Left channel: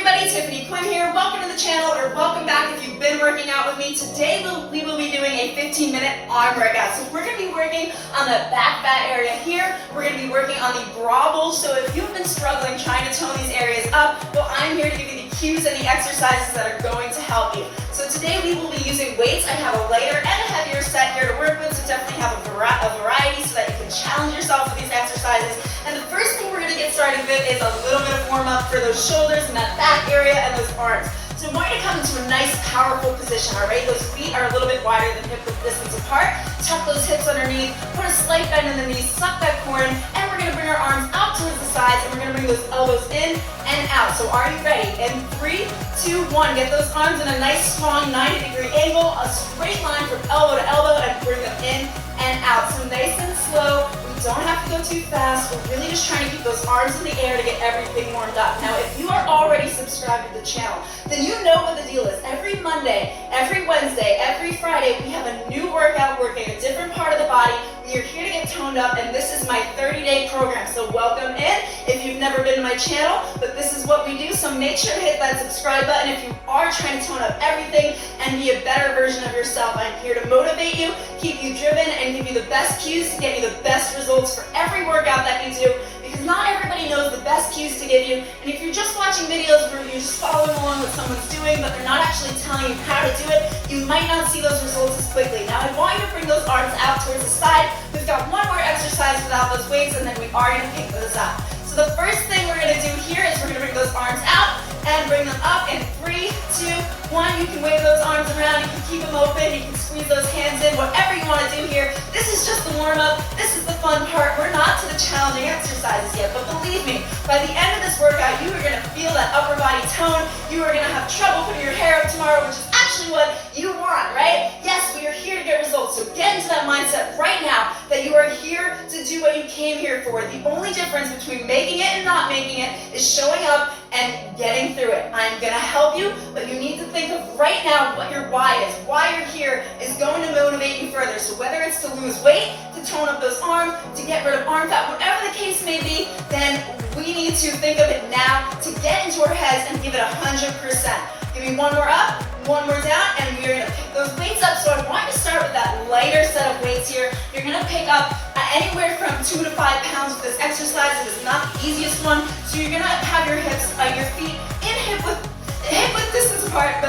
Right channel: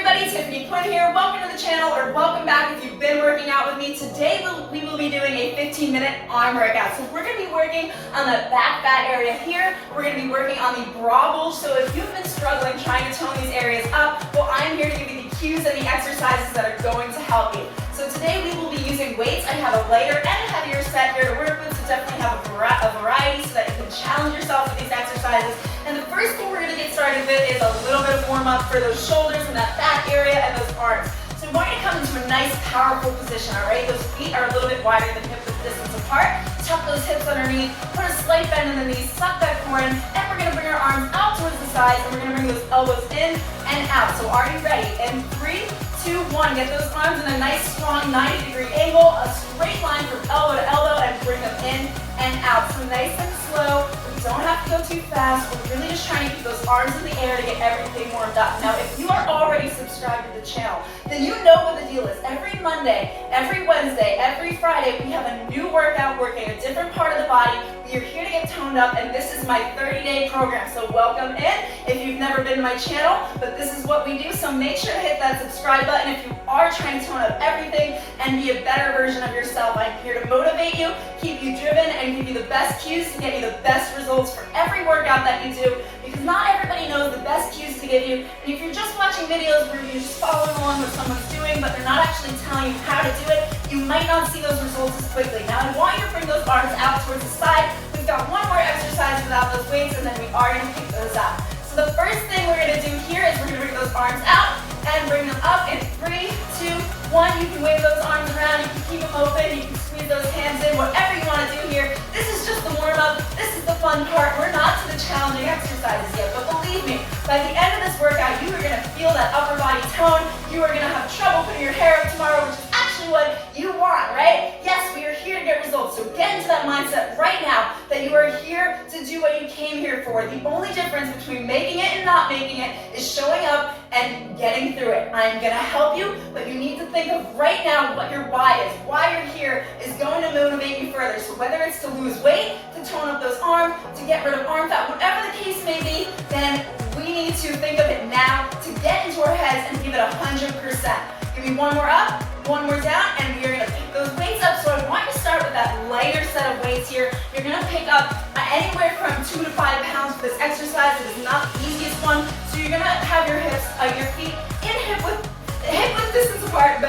everybody, Tiffany Quinn here. Welcome to the channel, or welcome back if you've been working out with me. Today we will be doing a 15-minute arm workout. So we're going to be working on the back fat area here. We're going to be working on the bra bulge. So if you've been struggling trying to tone these areas up, well, I'm here to give you the cues and the exercises that are going to help you. So today we will be using weights. I have a lighter and a heavier set here to work with, so definitely have a variety so that you can challenge yourself with these exercises. And the first thing we're going to get started with is a little bit of warm up for those shoulders and that back area and those arms. So I want you to come into a nice, powerful position, all right? Those feet are a little bit wider than hip width distance apart. Tuck those hips underneath, put a slight bend in the knees, suck that core in, and we're going to bring our arms out towards the sides, and we're going to bring those elbows in and out. So are you ready? In 3, 2, 1. Get those arms in a nice, strong 90-degree angle, a straight line from elbow to elbow, and bring them in and out. So nice and slow. We don't have to go too fast. We're really just trying to keep those arms in the air to get everything warmed up. Now, if you are already subscribed to the channel, then you know what the deal is. Every Monday, every Wednesday, every Friday, we have a new workout working a different part of the body. We are here to get toned up, and this is my 30-day program. So welcome in if you've never been to my channel, but this is what we do. So make sure to hit that subscribe button if you are trying to tone up everything and be a better version of yourself. I'm here to motivate you, keep you driven, and give you the best cues to get you the best results for every workout that you do, because not everybody knows the best cues to give you. And if you're just watching videos where you're just following along what someone's doing, but they're not actually telling you how to do it, you might not see those results as quickly. Now, I want you to bring those arms out towards the side. We've got one more exercise without those weights, and then we are going to pick those up. So the first thing we're going to do here is we're going to bring those arms out and bring them up in 3, 2, 1. You can wave those arms around, you can keep them open, you can squeeze those hands in, whatever you want to do here. This is just the warm-up. This is the fun part. We're not to the challenging exercises yet, but believe me, by the end of this workout, you are going to feel that upper body tone. You are going to have trouble putting your hair up tomorrow, which is actually what you want, right? Yes, we are here to get results. So get into that mindset right now that you are here to do what you came here for. The only difference between making it and not making it is showing up and getting through it. I'm going to help you, but you need to think of right now what your why is. Why you're here is going to motivate you further. So whether it's to lose weight, to tone up those arms, to get rid of arm fat, whatever the case may be, then we need to think of it now to get into our heads and give it 100%. Give me one more up, one more down, and we are going to pick those weights up. So I want you to start with that lighter set of weights here. You're going to pick up anywhere from 2 to 5 pounds with this exercise. It is not the easiest one. So you're going to have your hips, your feet in hip width distance apart,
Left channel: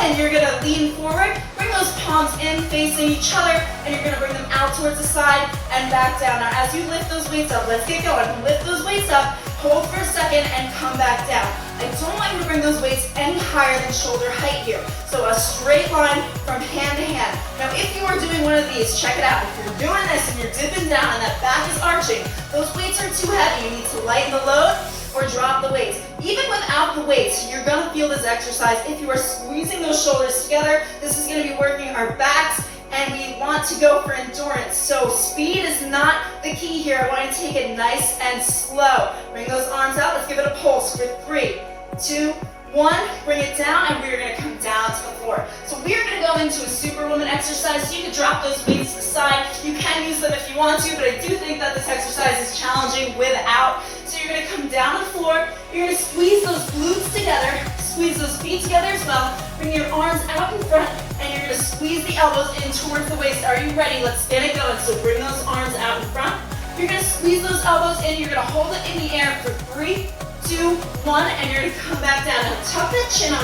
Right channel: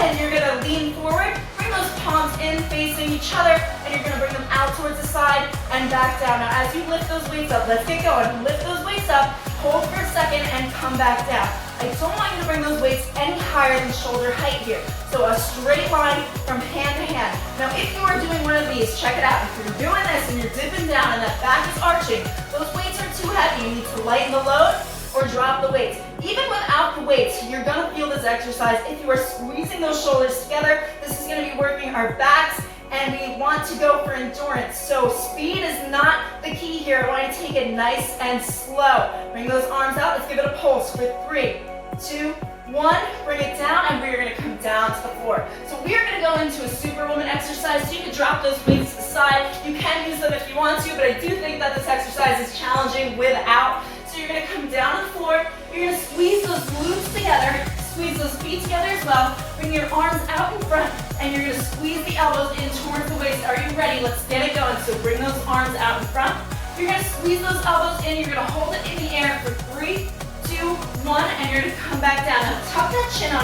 and you're going to lean forward. Bring those palms in facing each other, and you're going to bring them out towards the side and back down. Now, as you lift those weights up, let's get going. Lift those weights up, hold for a second, and come back down. I don't want you to bring those weights any higher than shoulder height here. So a straight line from hand to hand. Now, if you are doing one of these, check it out. If you're doing this and you're dipping down and that back is arching, those weights are too heavy. You need to lighten the load or drop the weights. Even without the weights, you're gonna feel this exercise. If you are squeezing those shoulders together, this is gonna be working our backs, and we want to go for endurance. So speed is not the key here. I want you to take it nice and slow. Bring those arms out. Let's give it a pulse for 3, 2, 1. Bring it down, and we're gonna come down to the floor. So we're gonna go into a superwoman exercise. So you can drop those weights to the side. You can use them if you want to, but I do think that this exercise is challenging without. So you're gonna come down to the floor. You're gonna squeeze those glutes together. Squeeze those feet together as well. Bring your arms out in front, and you're gonna squeeze the elbows in towards the waist. Are you ready? Let's get it going. So bring those arms out in front. You're gonna squeeze those elbows in. You're gonna hold it in the air for 3, 2, 1, and you're gonna come back down. Now tuck that chin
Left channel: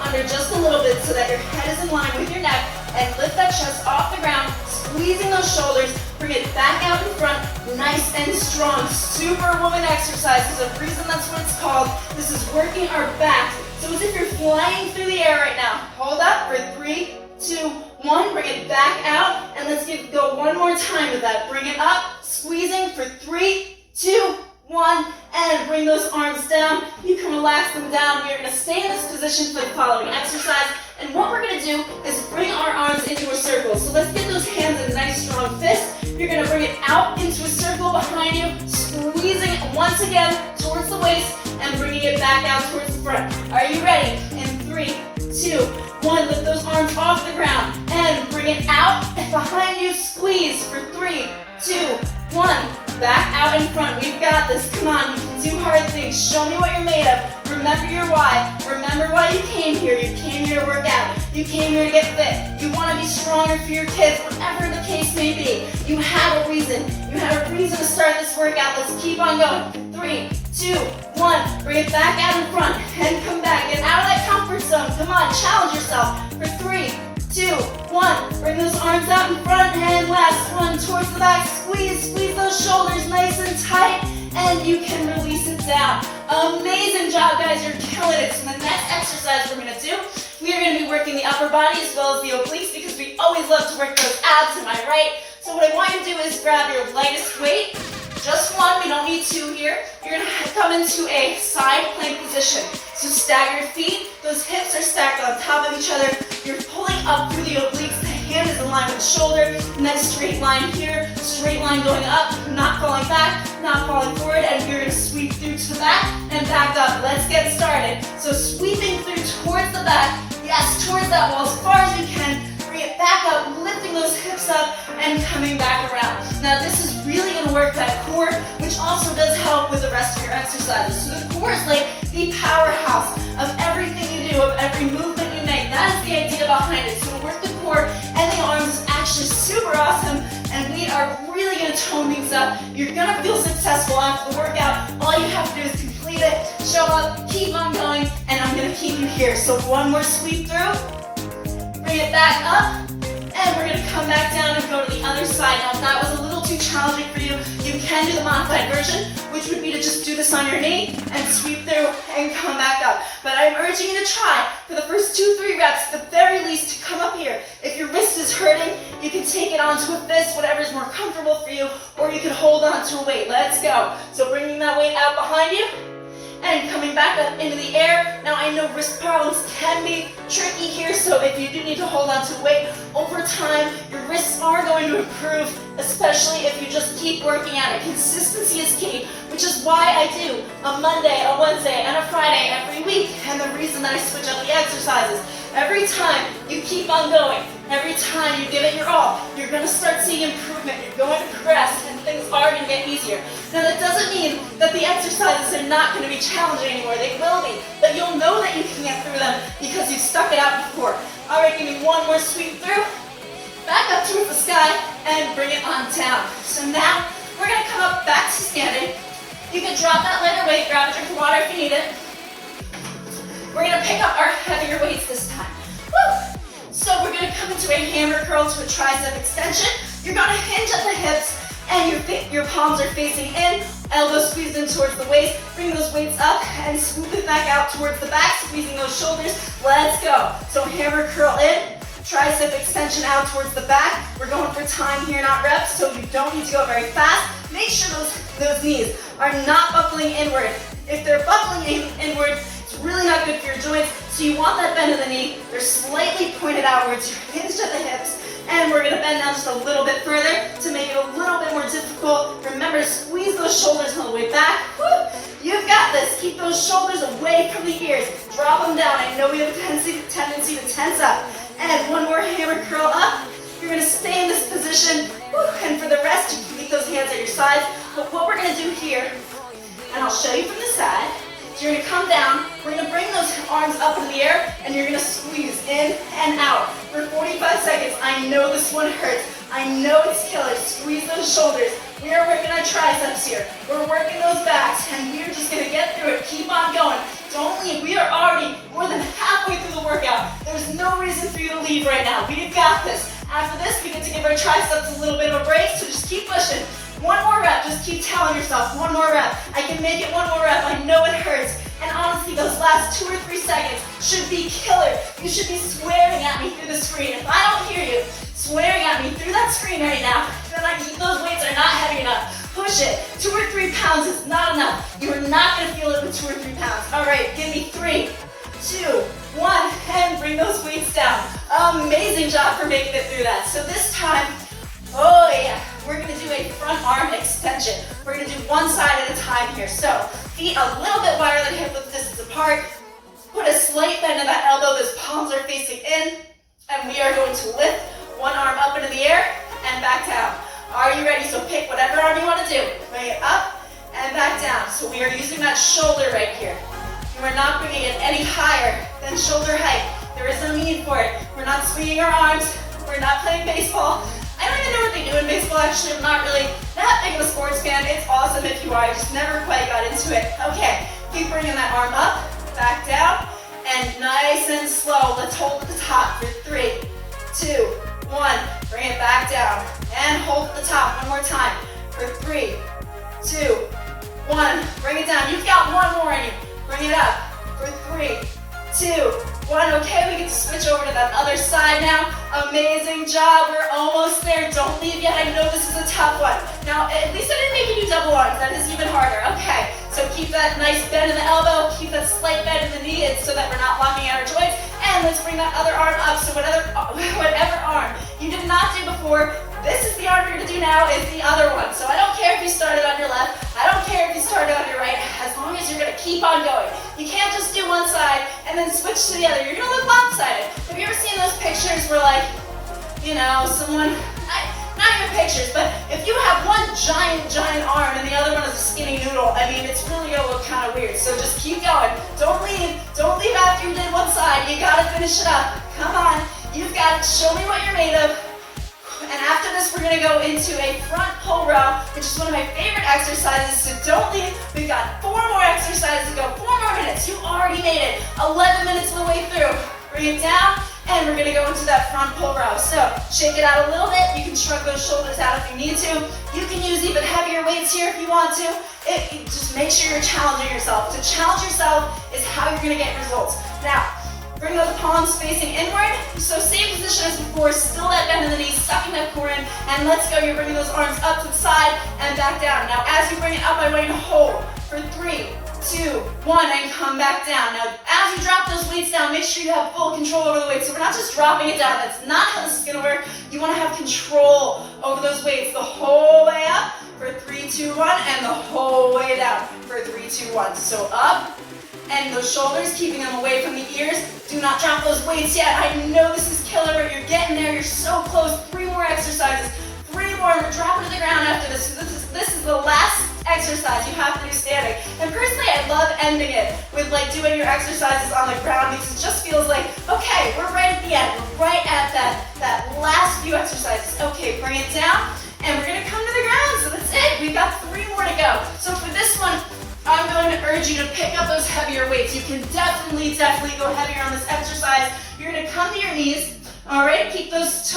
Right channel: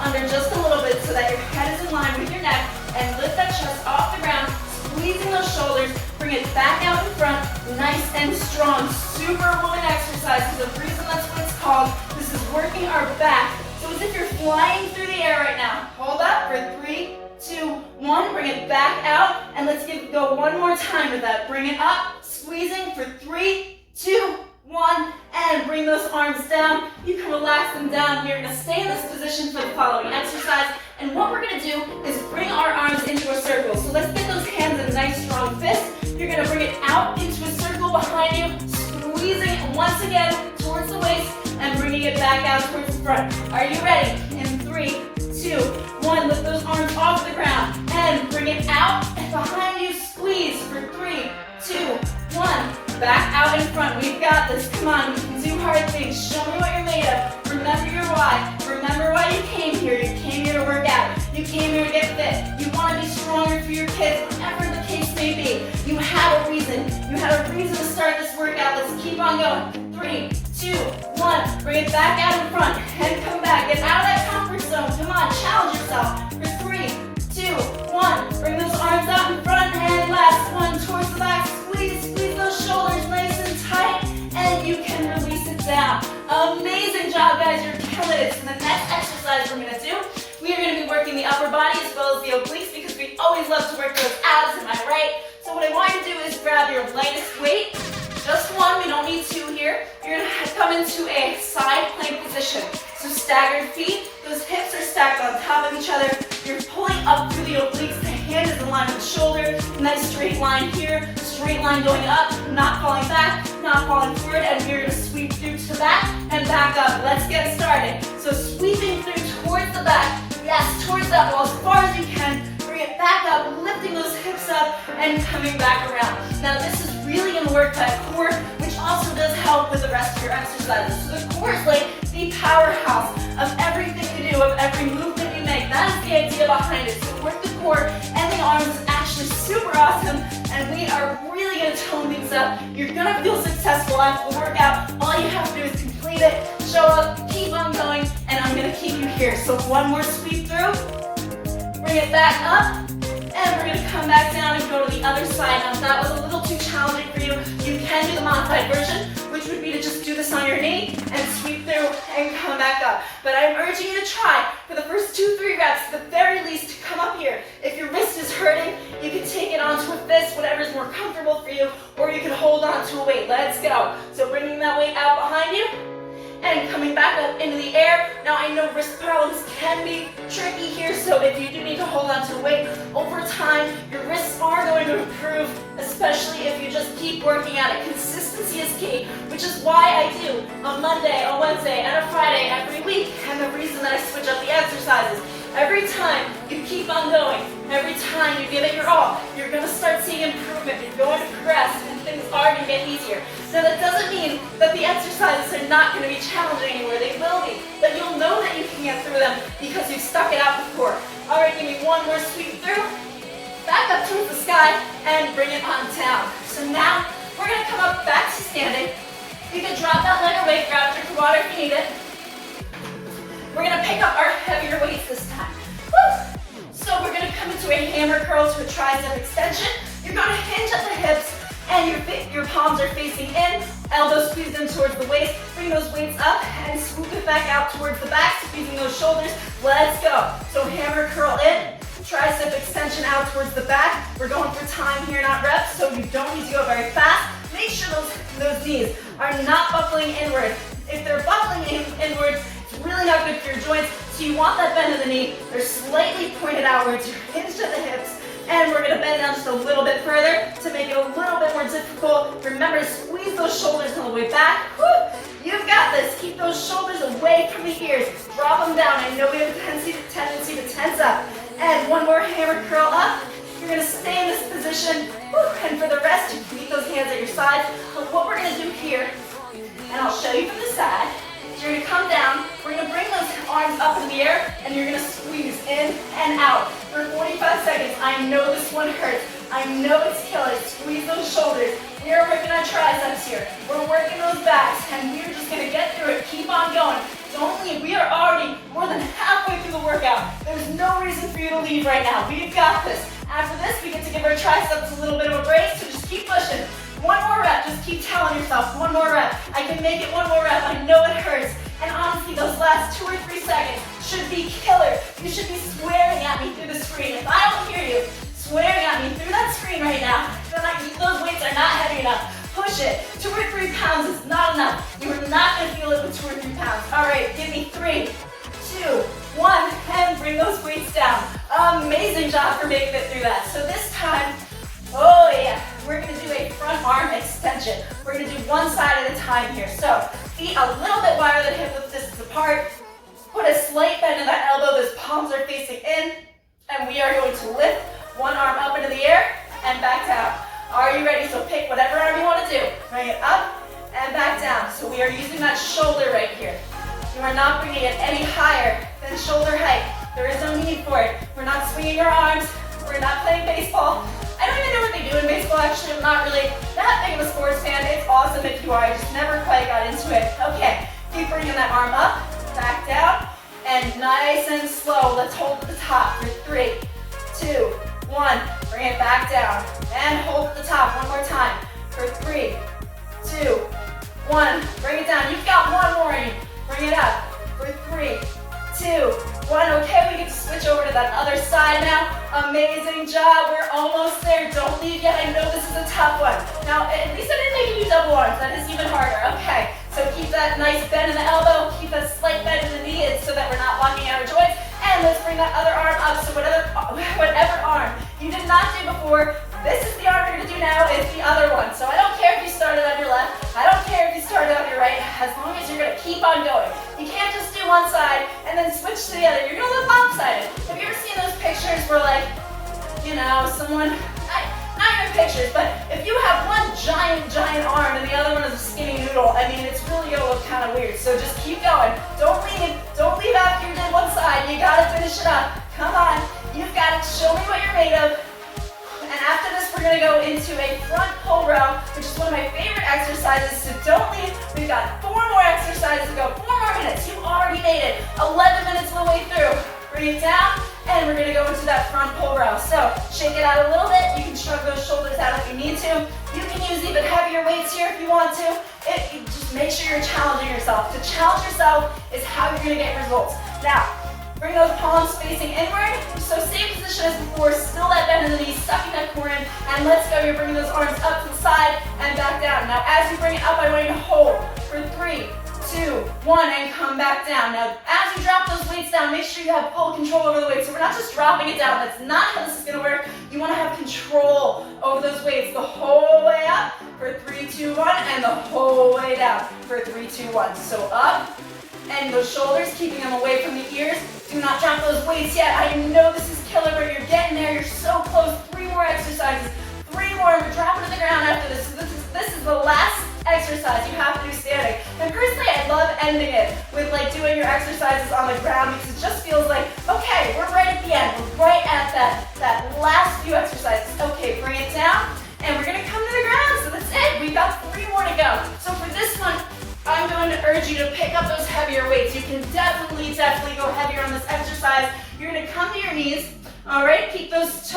under just a little bit so that your head is in line with your neck, and lift that chest off the ground, squeezing those shoulders. Bring it back out in front, nice and strong. Superwoman exercise. There's a reason that's what it's called. This is working our back. So as if you're flying through the air right now. Hold up for 3, 2, 1. Bring it back out, and let's go one more time with that. Bring it up, squeezing for 3, 2, 1, and bring those arms down. You can relax them down. We are going to stay in this position for the following exercise. And what we're going to do is bring our arms into a circle. So let's get those hands in a nice strong fist. You're going to bring it out into a circle behind you, squeezing it once again towards the waist and bringing it back out towards the front. Are you ready? In 3, 2, 1, lift those arms off the ground and bring it out and behind you, squeeze for 3, 2, 1. Back out in front. We've got this. Come on, you can do hard things. Show me what you're made of. We're Remember your why. Remember why you came here. You came here to work out. You came here to get fit. You want to be stronger for your kids, whatever the case may be. You have a reason. You have a reason to start this workout. Let's keep on going. 3, 2, 1. Bring it back out in front and come back. Get out of that comfort zone. Come on, challenge yourself. For 3, 2, 1. Bring those arms out in front and last one towards the back. Squeeze those shoulders nice and tight, and you can release it down. Amazing job, guys. You're killing it. So the next exercise we're gonna do, we are gonna be working the upper body as well as the obliques because we always love to work those abs, am I right? So what I want you to do is grab your lightest weight, just one, we don't need two here. You're gonna come into a side plank position. So staggered feet, those hips are stacked on top of each other. You're pulling up through the obliques, the hand is in line with the shoulder. Nice straight line here, straight line going up, not falling back, not falling forward, and you're gonna sweep through to the back and back up. Let's get started. So sweeping through towards the back, yes, towards that wall as far as you can. Bring it back up, lifting those hips up and coming back around. Now this is really gonna work that core, which also does help with the rest of your exercises. So the core is like the powerhouse of everything you do, of every movement you make. That is the idea behind it. So to work the core and the arms is actually super awesome, and we are really gonna tone things up. You're gonna feel successful after the workout. All you have to do is complete it, show up, keep on going, and I'm gonna keep you here. So one more sweep through, bring it back up, and we're gonna come back down and go to the other side. Now if that was a little too challenging for you, you can do the modified version, which would be to just do this on your knee and sweep through and come back up. But I'm urging you to try for the first 2-3 reps, at the very least, to come up here. If your wrist is hurting, you can take it onto a fist, whatever is more comfortable for you, or you can hold on to a weight. Let's go. So bringing that weight out behind you, and coming back up into the air. Now I know wrist problems can be tricky here, so if you do need to hold on to weight, over time your wrists are going to improve, especially if you just keep working at it. Consistency is key, which is why I do a Monday, a Wednesday, and a Friday every week, and the reason that I switch up the exercises. Every time you keep on going, every time you give it your all, you're going to start seeing improvement, you're going to progress, and things are going to get easier. Now that doesn't mean that the exercises are not going to be challenging anymore, they will be, but you'll know that you can get through them because you've stuck it out before. Alright, give me one more sweep through, back up towards the sky, and bring it on down. So now, we're going to come up back to standing. You can drop that lighter weight, grab a drink of water if you need it. We're going to pick up our heavier weights this time. Woo! So we're going to come into a hammer curl to a tricep extension. You're going to hinge at the hips, and your palms are facing in, elbows squeezed in towards the waist. Bring those weights up and swoop it back out towards the back, squeezing those shoulders. Let's go. So hammer curl in, tricep extension out towards the back. We're going for time here, not reps, so you don't need to go very fast. Make sure those knees are not buckling inward. If they're buckling inward, it's really not good for your joints, so you want that bend in the knee. They're slightly pointed outwards, you're hinged at the hips, and we're gonna bend down just a little bit further to make it a little bit more difficult. Remember to squeeze those shoulders on the way back. Woo! You've got this. Keep those shoulders away from the ears. Drop them down. I know we have a tendency to tense up. And one more hammer curl up. You're gonna stay in this position, and for the rest, you can keep those hands at your sides. But what we're gonna do here, and I'll show you from the side, is you're gonna come down, we're gonna bring those arms up in the air, and you're gonna squeeze in and out for 45 seconds. I know this one hurts. I know it's killer. Squeeze those shoulders. We are working our triceps here. We're working those backs, and we're just gonna get through it. Keep on going. Don't leave. We are already more than halfway through the workout. There's no reason for you to leave right now. We've got this. After this, we get to give our triceps a little bit of a break, so just keep pushing. One more rep. Just keep telling yourself, one more rep. I can make it one more rep. I know it hurts. And honestly, those last 2 or 3 seconds should be killer. You should be swearing at me through the screen. If I don't hear you swearing at me through that screen right now, then those weights are not heavy enough. Push it. 2 or 3 pounds is not enough. You are not going to feel it with 2 or 3 pounds. All right, give me 3, 2, 1, and bring those weights down. Amazing job for making it through that. So this time, oh yeah, we're going to do a front arm extension. We're going to do one side at a time here. So feet a little bit wider than hip width distance apart. Put a slight bend in that elbow. Those palms are facing in. And we are going to lift one arm up into the air and back down. Are you ready? So pick whatever arm you want to do. Bring it up and back down. So we are using that shoulder right here. We're not bringing it any higher than shoulder height. There is no need for it. We're not swinging our arms. We're not playing baseball. I don't even know what they do in baseball, actually. I'm not really that big of a sports fan. It's awesome if you are. I just never quite got into it. Okay, keep bringing that arm up, back down, and nice and slow. Let's hold at the top for 3, 2, 1. Bring it back down, and hold at the top one more time for 3, 2, 1. Bring it down. You've got one more in you. Bring it up for 3, 2, 1. Okay, we get to switch over to that other side now. Amazing job. We're almost there. Don't leave yet. I know this is a tough one. Now, at least I didn't make you do double arms. That is even harder. Okay, so keep that nice bend in the elbow. Keep that slight bend in the knee so that we're not locking out our joints. And let's bring that other arm up. So whatever arm you did not do before, this is the arm you're going to do now is the other one. So I don't care if you started on your left. I don't care if you started on your right. As long as you're going to keep on going. You can't just do one side and then switch to the other. You're going to look lopsided. Have you ever seen those pictures where, like, you know, someone, not even pictures, but if you have one giant arm and the other one is a skinny noodle, I mean, it's really going to look kind of weird. So just keep going. Don't leave after you did one side. You got to finish it up. Come on. You've got it. Show me what you're made of. And after this, we're going to go into a front pull row, which is one of my favorite exercises, so don't leave. We've got 4 more exercises to go, 4 more minutes. You already made it. 11 minutes of the way through. Bring it down, and we're going to go into that front pull row. So shake it out a little bit. You can shrug those shoulders out if you need to. You can use even heavier weights here if you want to. Just make sure you're challenging yourself. To challenge yourself is how you're going to get results. Now, bring those palms facing inward. So same position as before, still that bend in the knees, sucking that core in, and let's go. You're bringing those arms up to the side and back down. Now as you bring it up, I want you to hold for 3, 2, 1, and come back down. Now as you drop those weights down, make sure you have full control over the weights. So we're not just dropping it down. That's not how this is going to work. You want to have control over those weights the whole way up for 3, 2, 1, and the whole way down for 3, 2, 1. So up. And those shoulders, keeping them away from the ears. Do not drop those weights yet. I know this is killer, but you're getting there. You're so close. 3 more exercises. 3 more. We're dropping to the ground after this. So this is the last exercise you have to do standing. And personally, I love ending it with like doing your exercises on the ground because it just feels like, okay, we're right at the end. We're right at that last few exercises. Okay, bring it down. And we're going to come to the ground. So that's it. We've got 3 more to go. So for this one, I'm going to urge you to pick up those heavier weights. You can definitely go heavier on this exercise. You're going to come to your knees. All right, keep those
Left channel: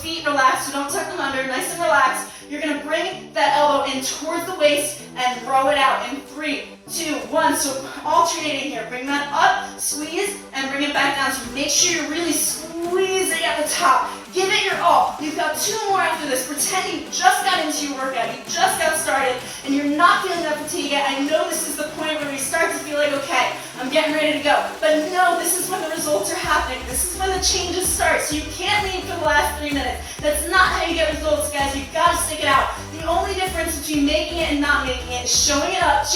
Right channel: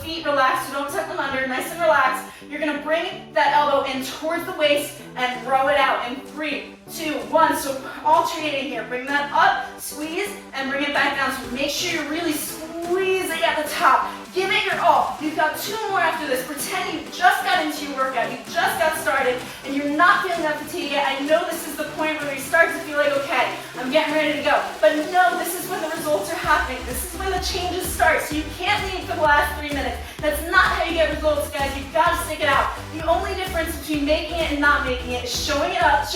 feet relaxed, so don't tuck them under, nice and relaxed. You're going to bring that elbow in towards the waist and row it out in 3, 2, 1. So alternating here. Bring that up, squeeze, and bring it back down. So make sure you're really squeezing at the top. Give it your all. You've got 2 more after this. Pretend you just got into your workout. You just got started, and you're not feeling that fatigue yet. I know this is the point where you start to feel like, okay, I'm getting ready to go. But no, this is when the results are happening. This is when the changes start. So you can't leave for the last 3 minutes. That's not how you get results, guys. You've got to stick it out. The only difference between making it and not making it is showing up,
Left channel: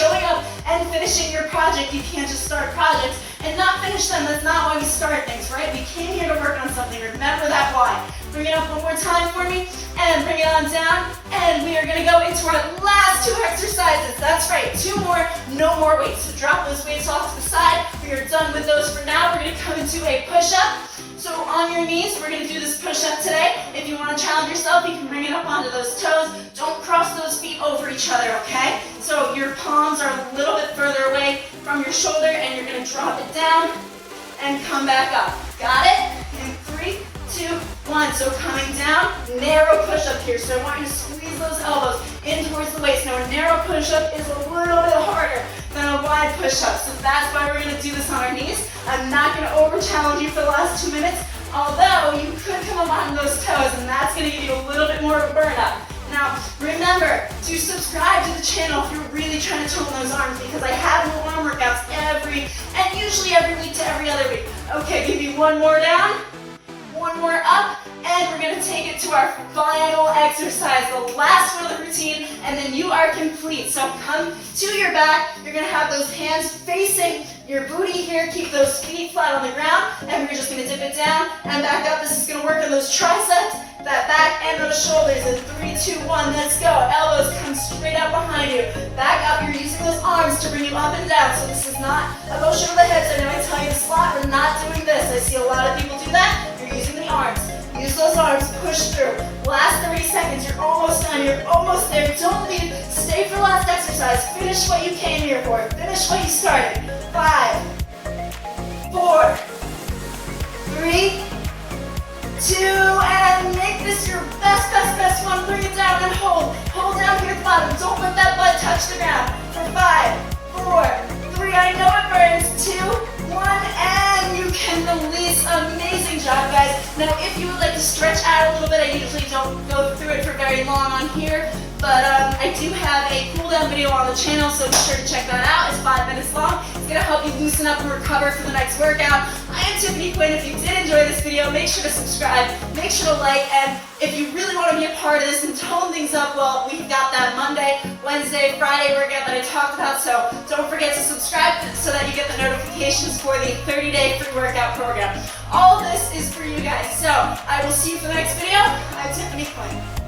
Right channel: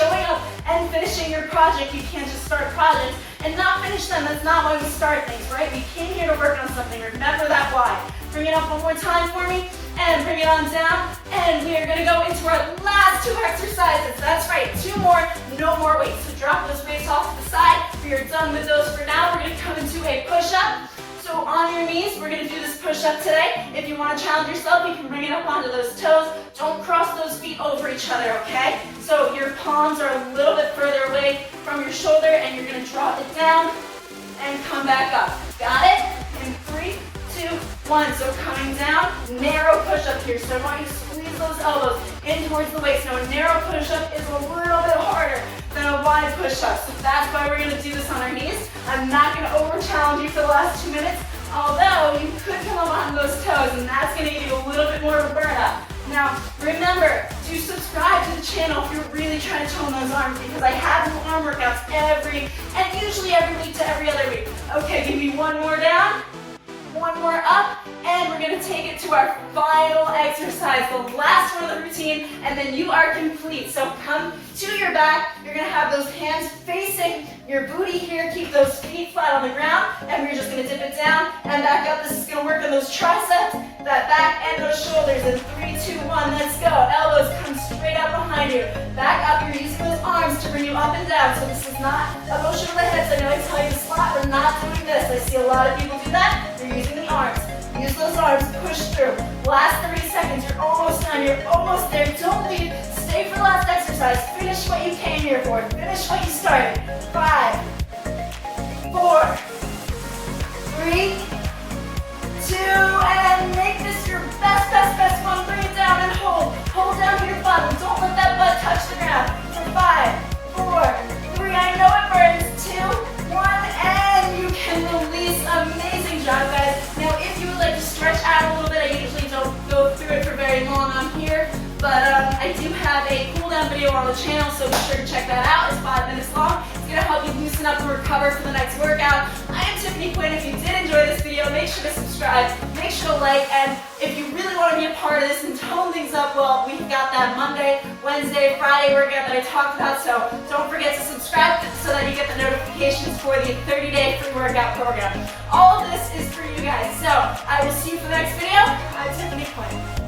and finishing your project. You can't just start projects and not finish them. That's not why we start things, right? We came here to work on something. Remember that why. Bring it up one more time for me, and bring it on down. And we are going to go into our last 2 exercises. That's right, 2 more, no more weights. So drop those weights off to the side. We are done with those for now. We're going to come into a push-up. So on your knees, we're going to do this push-up today. If you want to challenge yourself, you can bring it up onto those toes. Don't cross those feet over each other, okay? So your palms are a little bit further away from your shoulder, and you're going to drop it down and come back up. Got it? In 3, 2, 1. So coming down, narrow push-up here. So I want you to squeeze those elbows in towards the waist. Now a narrow push-up is a little bit harder than a wide push-up. So that's why we're going to do this on our knees. I'm not going to over-challenge you for the last 2 minutes, although you could come up on those toes, and that's going to give you a little bit more of a burn-up. Now, remember to subscribe to the channel if you're really trying to tone those arms, because I have new arm workouts usually every week to every other week. Okay, give me 1 more down, 1 more up, and we're going to take it to our final exercise, the last one of the routine, and then you are complete. So come to your back. You're going to have those hands facing your booty here. Keep those feet flat on the ground, and we're just going to dip it down and back up. This is going to work on those triceps, that back end of the shoulders. In 3, 2, 1, let's go. Elbows come straight out behind you. Back up. You're using those arms arms to bring you up and down. So this is not a motion of the hips. I know I tell you to squat, but not doing this. I see a lot of people do that. You're using the arms. Use those arms, push through. Last 30 seconds, you're almost done, you're almost there. Don't leave, stay for last exercise. Finish what you came here for. Finish what you started. 5, 4, 3, 2, and make this your best one. Bring it down and hold. Hold down to your bottom. Don't let that butt touch the ground. For 5, 4, 3, I know it burns. 2, 1, and you can release. Amazing job, guys. Now, if you would like to stretch out a little bit, I usually don't go through it for very long on here, but I do have a cool down video on the channel, so be sure to check that out. It's 5 minutes long. It's going to help you loosen up and recover for the next workout. I am Tiffany Quinn. If you did enjoy this video, make sure to subscribe, make sure to like, and if you really want to be a part of this and tone things up, well, we've got that Monday, Wednesday, Friday workout that I talked about, so don't forget to subscribe so that you get the notifications for the 30-day free workout program. All this is for you guys, so I will see you for the next video. I'm Tiffany Quinn.